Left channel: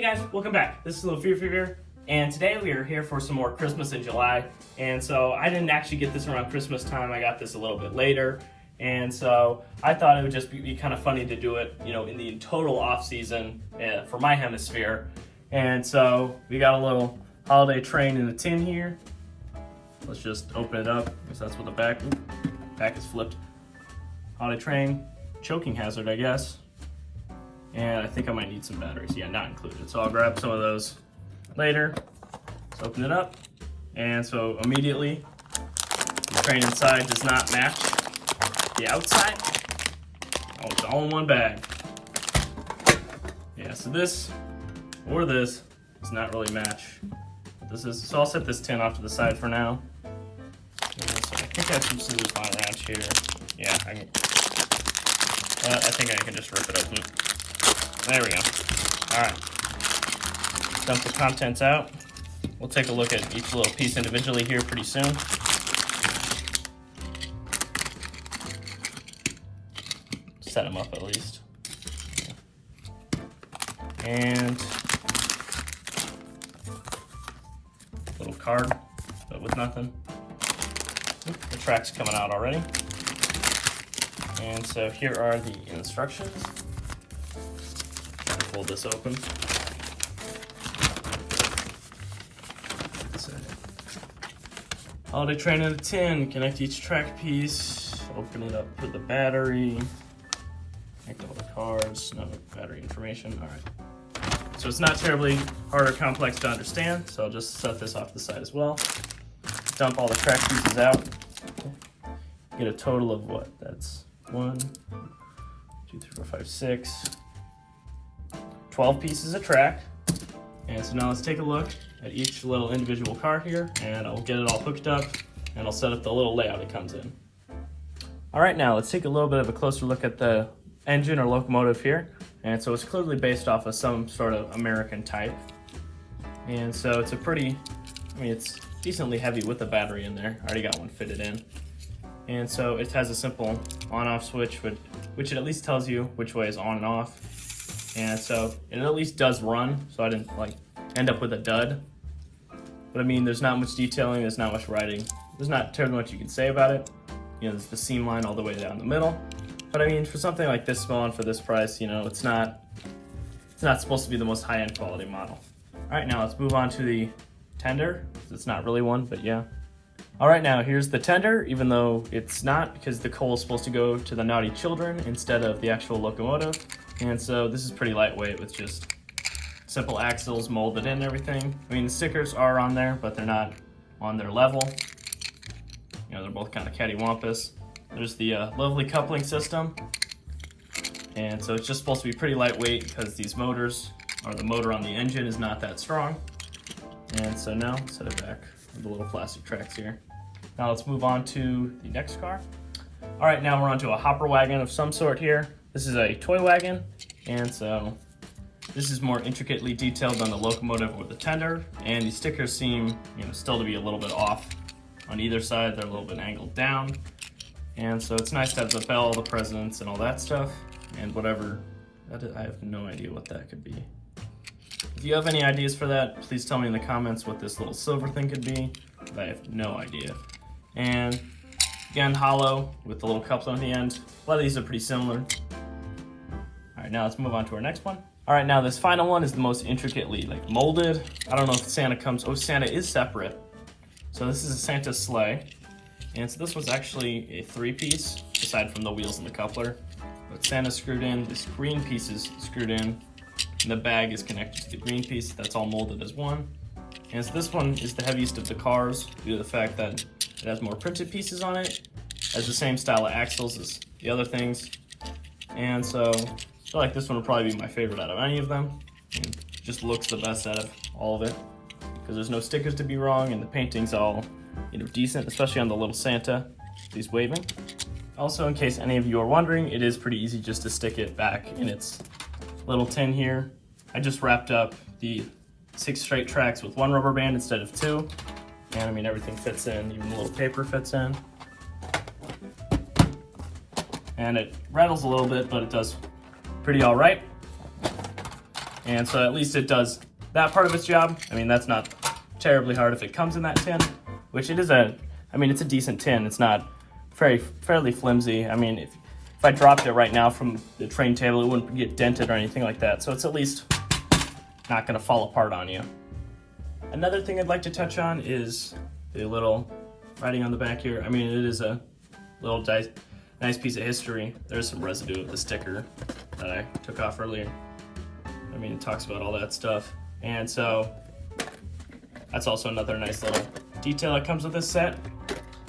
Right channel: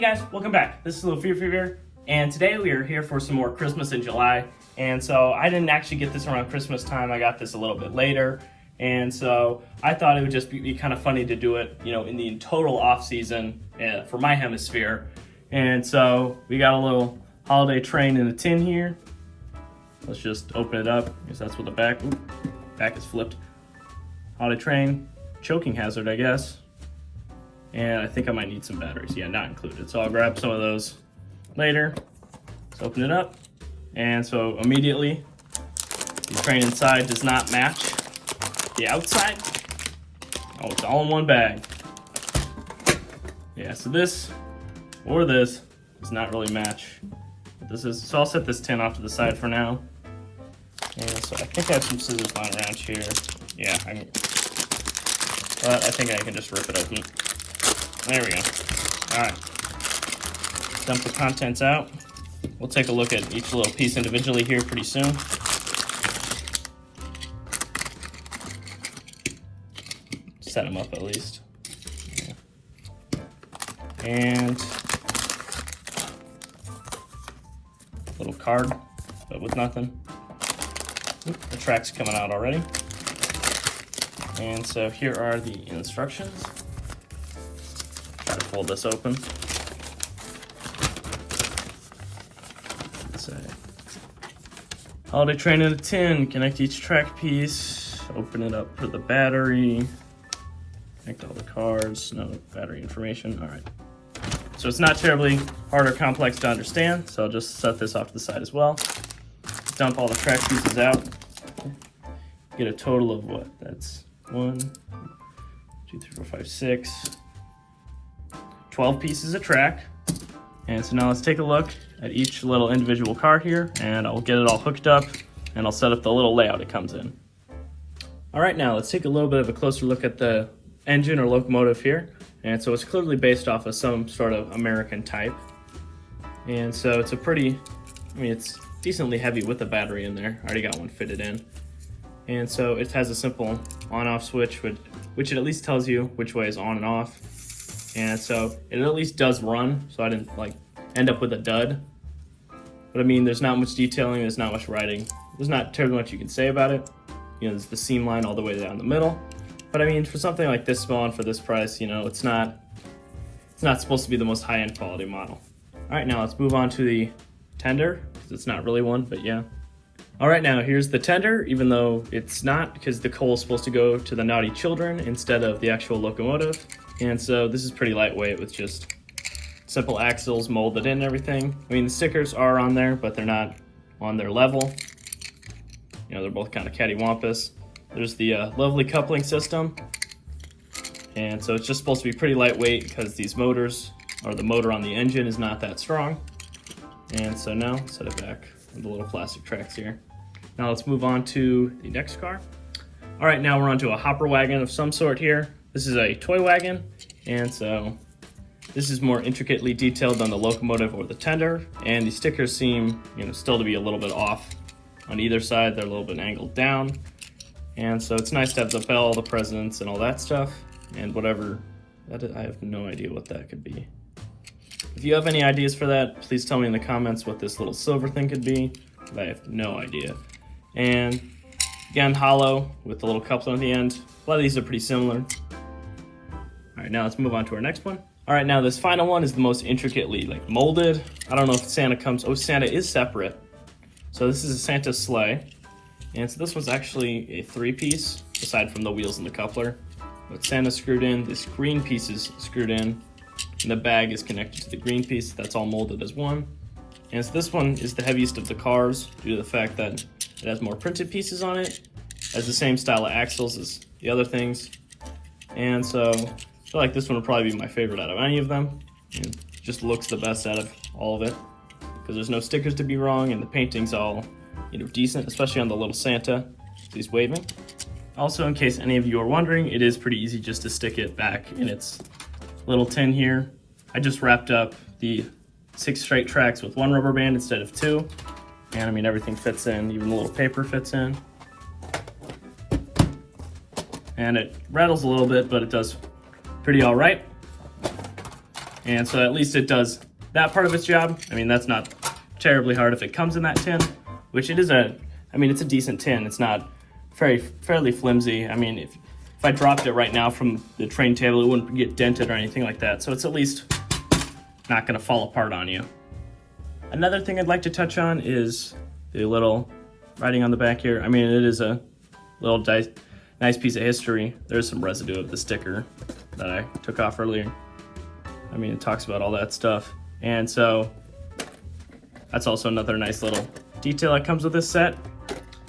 Hey guys, welcome back. This is Little Fear, and today we are here for some more Christmas in July. And so I didn't actually get this around Christmas time. I got this a little bit later. And so I thought it would just be kind of funny to do it, you know, in the total off season for my hemisphere. And so we got a little holiday train in a tin here. Let's just open it up, because that's what the back is flipped. Holiday train, choking hazard, I guess. And I think I might need some batteries. Yeah, not included. So I'll grab some of those later. Let's open it up. And so immediately, the train inside does not match the outside. Oh, it's all in one bag. Yeah, so this or this does not really match. This is, so I'll set this tin off to the side for now. And so I think I have some scissors lying around here. Yeah, but I think I can just rip it open. There we go. All right. Dump the contents out. We'll take a look at each little piece individually here pretty soon. Set them up at least. And little card, but with nothing. Oop, the track's coming out already. And so here are the instructions. Try to pull this open. So, holiday train in a tin. Connect each track piece. Open it up for the battery. Connect all the cards. No battery information. All right. So it's not terribly hard or complex to understand. So I'll just set this off to the side as well. Dump all the track pieces out. Get a total of what? That's 1, 2, 3, 4, 5, 6, 12 pieces of track. And so now let's take a look at each little individual car here, and I'll get it all hooked up, and I'll set up the little layout it comes in. All right, now let's take a little bit of a closer look at the engine or locomotive here. And so it's clearly based off of some sort of American type. And so it's a pretty, it's decently heavy with the battery in there. I already got one fitted in. And so it has a simple on-off switch, which it at least tells you which way is on and off. And so it at least does run, so I didn't like end up with a dud. But I mean, there's not much detailing, there's not much writing. There's not terribly much you can say about it. You know, there's the seam line all the way down the middle. But I mean, for something like this small and for this price, you know, it's not supposed to be the most high-end quality model. All right, now let's move on to the tender. It's not really one, but yeah. All right, now here's the tender, even though it's not, because the coal is supposed to go to the naughty children instead of the actual locomotive. And so this is pretty lightweight with just simple axles molded in and everything. I mean, the stickers are on there, but they're not on their level. You know, they're both kind of cattywampus. There's the lovely coupling system. And so it's just supposed to be pretty lightweight because these motors, or the motor on the engine, is not that strong. And so now, set it back with the little plastic tracks here. Now let's move on to the next car. All right, now we're onto a hopper wagon of some sort here. This is a toy wagon, and so this is more intricately detailed than the locomotive or the tender, and the stickers seem, you know, still to be a little bit off on either side. They're a little bit angled down, and so it's nice to have the bell, the presidents, and all that stuff, and whatever. I have no idea what that could be. If you have any ideas for that, please tell me in the comments what this little silver thing could be. I have no idea. And again, hollow with the little coupler on the end. A lot of these are pretty similar. All right, now let's move on to our next one. All right, now this final one is the most intricately molded. I don't know if Santa comes, oh, Santa is separate. So this is a Santa sleigh. And so this was actually a 3-piece, aside from the wheels and the coupler. With Santa screwed in, this green piece is screwed in, and the bag is connected to the green piece. That's all molded as one. And so this one is the heaviest of the cars due to the fact that it has more printed pieces on it, has the same style of axles as the other things. And so I feel like this one would probably be my favorite out of any of them. It just looks the best out of all of it because there's no stickers to be wrong, and the painting's all, you know, decent, especially on the little Santa. He's waving. Also, in case any of you are wondering, it is pretty easy just to stick it back in its little tin here. I just wrapped up the 6 straight tracks with 1 rubber band instead of 2. And I mean, everything fits in, even the little paper fits in. And it rattles a little bit, but it does pretty all right. And so at least it does that part of its job. I mean, that's not terribly hard if it comes in that tin, which it is it's a decent tin. It's not fairly flimsy. I mean, if I dropped it right now from the train table, it wouldn't get dented or anything like that. So it's at least not gonna fall apart on you. Another thing I'd like to touch on is the little writing on the back here. I mean, it is a little nice piece of history. There's some residue of the sticker that I took off earlier. I mean, it talks about all that stuff. And so that's also another nice little detail that comes with this set.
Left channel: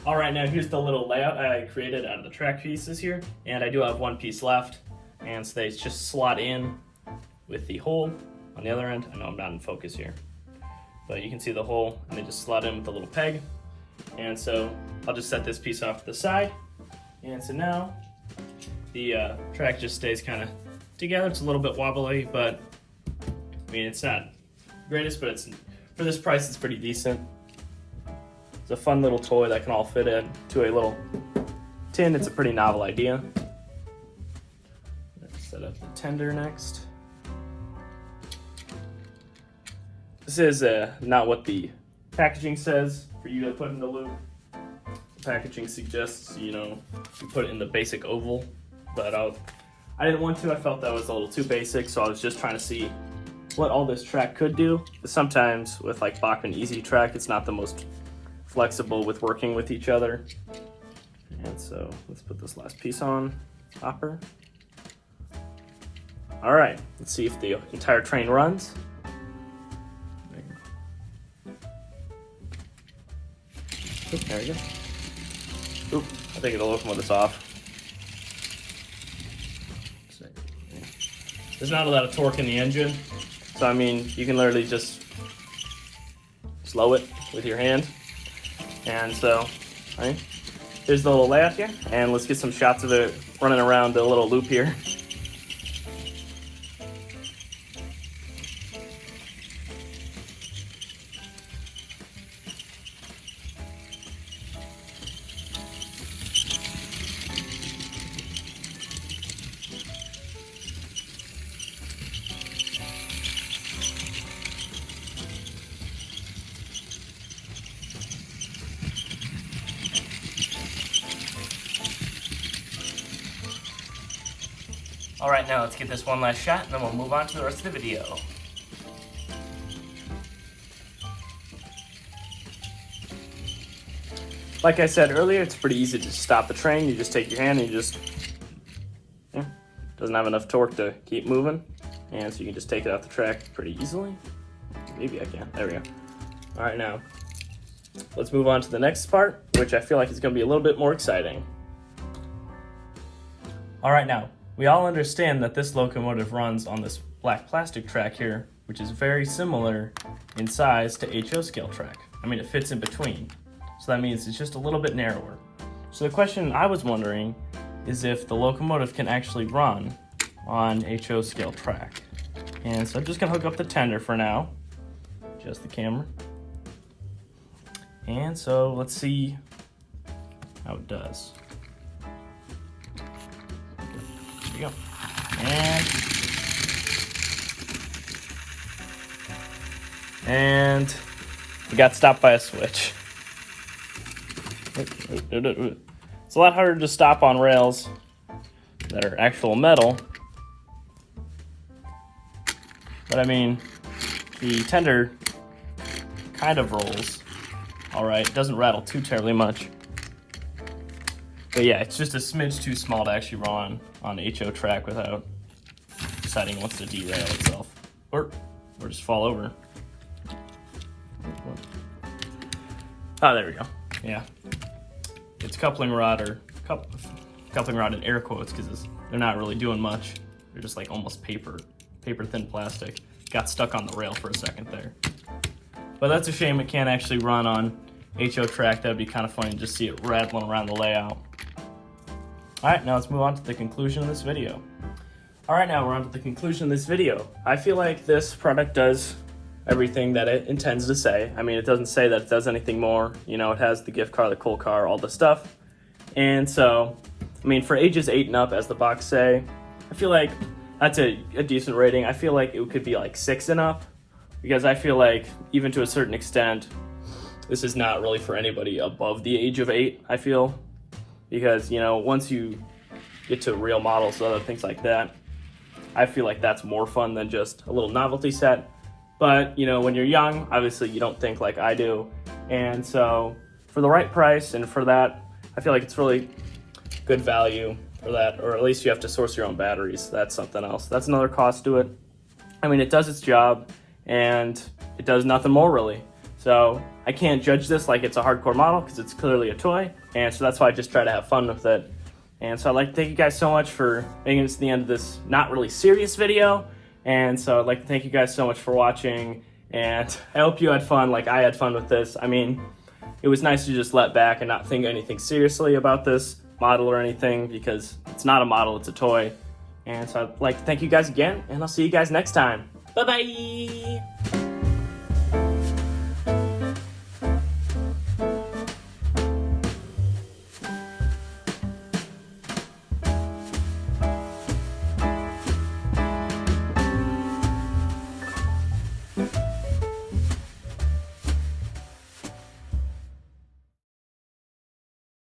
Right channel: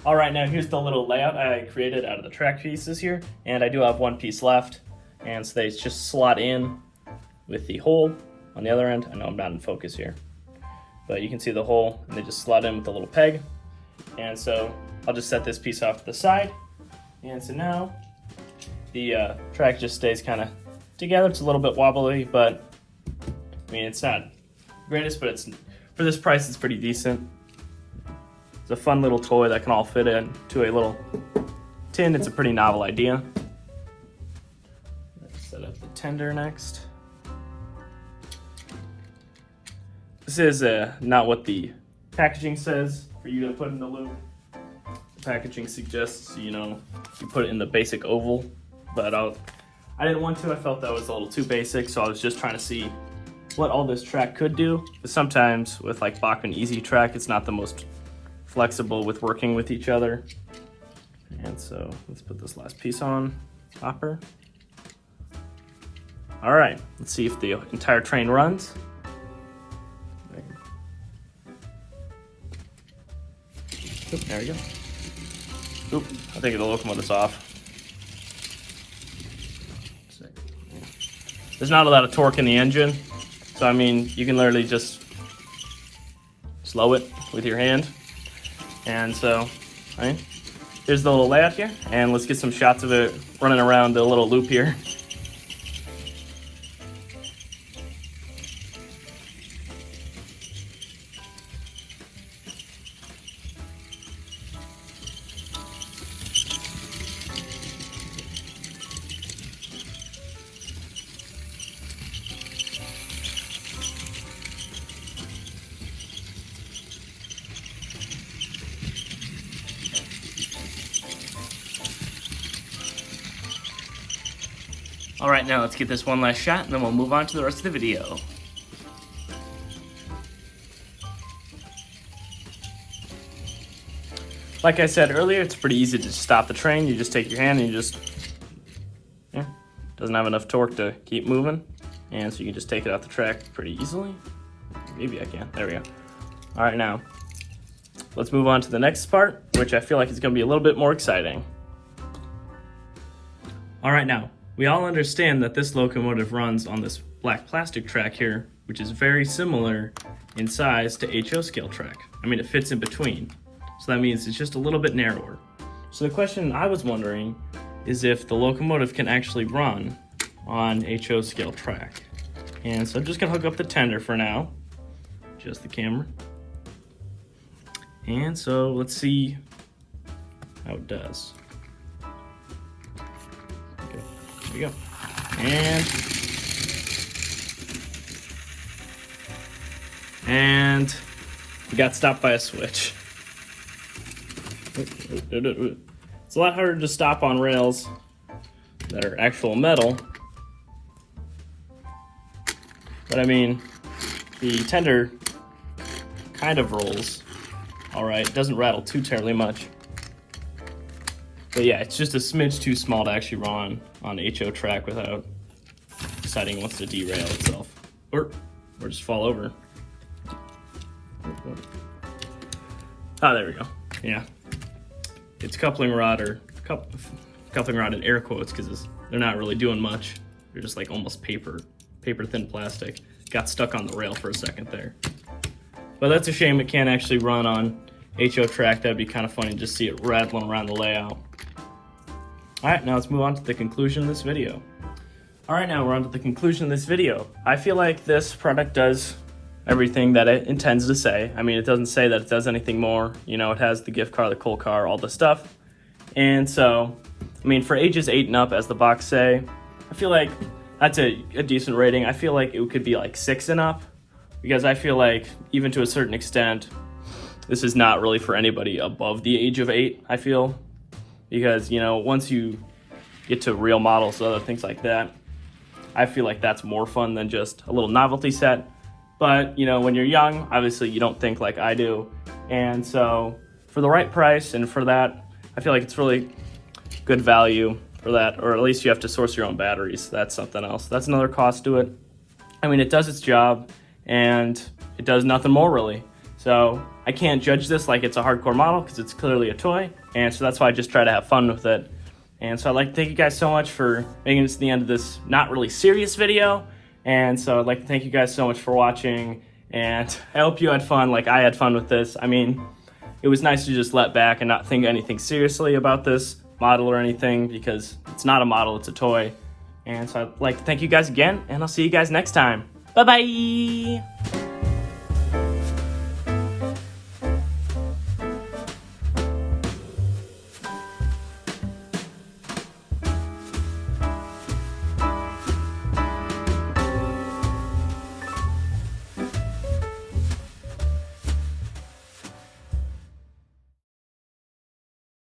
All right, now here's the little layout I created out of the track pieces here. And I do have one piece left. And so they just slot in with the hole on the other end. I know I'm not in focus here, but you can see the hole and they just slot in with the little peg. And so I'll just set this piece off to the side. And so now the track just stays kind of together. It's a little bit wobbly, but I mean, it's not the greatest, but for this price, it's pretty decent. It's a fun little toy that can all fit into a little tin. It's a pretty novel idea. Let's set up the tender next. This is not what the packaging says for you to put in the loop. The packaging suggests, you put it in the basic oval, but I didn't want to. I felt that was a little too basic, so I was just trying to see what all this track could do. Sometimes with like Bachmann Easy Track, it's not the most flexible with working with each other. And so let's put this last piece on, hopper. All right, let's see if the entire train runs. There you go. Oop, I think the locomotive's off. There's not a lot of torque in the engine, so I mean, you can literally just slow it with your hand. And so, right, here's the little layout here, and let's get some shots of it running around the little loop here. All right, now let's get this one last shot and then we'll move on to the rest of the video. Like I said earlier, it's pretty easy to stop the train. You just take your hand and you just, doesn't have enough torque to keep moving. And so you just take it off the track pretty easily. Maybe I can, there we go. All right, now, let's move on to the next part, which I feel like is gonna be a little bit more exciting. All right, now, we all understand that this locomotive runs on this black plastic track here, which is very similar in size to HO scale track. I mean, it fits in between. So that means it's just a little bit narrower. So the question I was wondering is if the locomotive can actually run on HO scale track. And so I'm just gonna hook up the tender for now, adjust the camera. And so let's see how it does. There we go. And we got stopped by a switch. It's a lot harder to stop on rails that are actual metal. But I mean, the tender kind of rolls all right. It doesn't rattle too terribly much. But yeah, it's just a smidge too small to actually run on HO track without deciding it wants to derail itself. Or just fall over. Oh, there we go. Yeah. It's coupling rod or coupling rod in air quotes because they're not really doing much. They're just like almost paper thin plastic. Got stuck on the rail for a second there. But that's a shame it can't actually run on HO track. That'd be kind of funny to just see it rattling around the layout. Alright, now let's move on to the conclusion of this video. Alright, now we're on to the conclusion of this video. I feel like this product does everything that it intends to say. I mean, it doesn't say that it does anything more. You know, it has the gift card, the cool car, all the stuff. And so, I mean, for ages 8 and up, as the box say, I feel like that's a decent rating. I feel like it could be like 6 and up, because I feel like even to a certain extent, this is not really for anybody above the age of 8, I feel. Because, you know, once you get to real models, things like that, I feel like that's more fun than just a little novelty set. But, you know, when you're young, obviously you don't think like I do. And so for the right price and for that, I feel like it's really good value for that, or at least you have to source your own batteries. That's something else. That's another cost to it. I mean, it does its job and it does nothing more really. So I can't judge this like it's a hardcore model because it's clearly a toy. And so that's why I just try to have fun with it. And so I'd like to thank you guys so much for making it to the end of this not really serious video. And so I'd like to thank you guys so much for watching. And I hope you had fun like I had fun with this. I mean, it was nice to just let back and not think anything seriously about this model or anything, because it's not a model, it's a toy. And so I'd like to thank you guys again, and I'll see you guys next time. Bye-bye!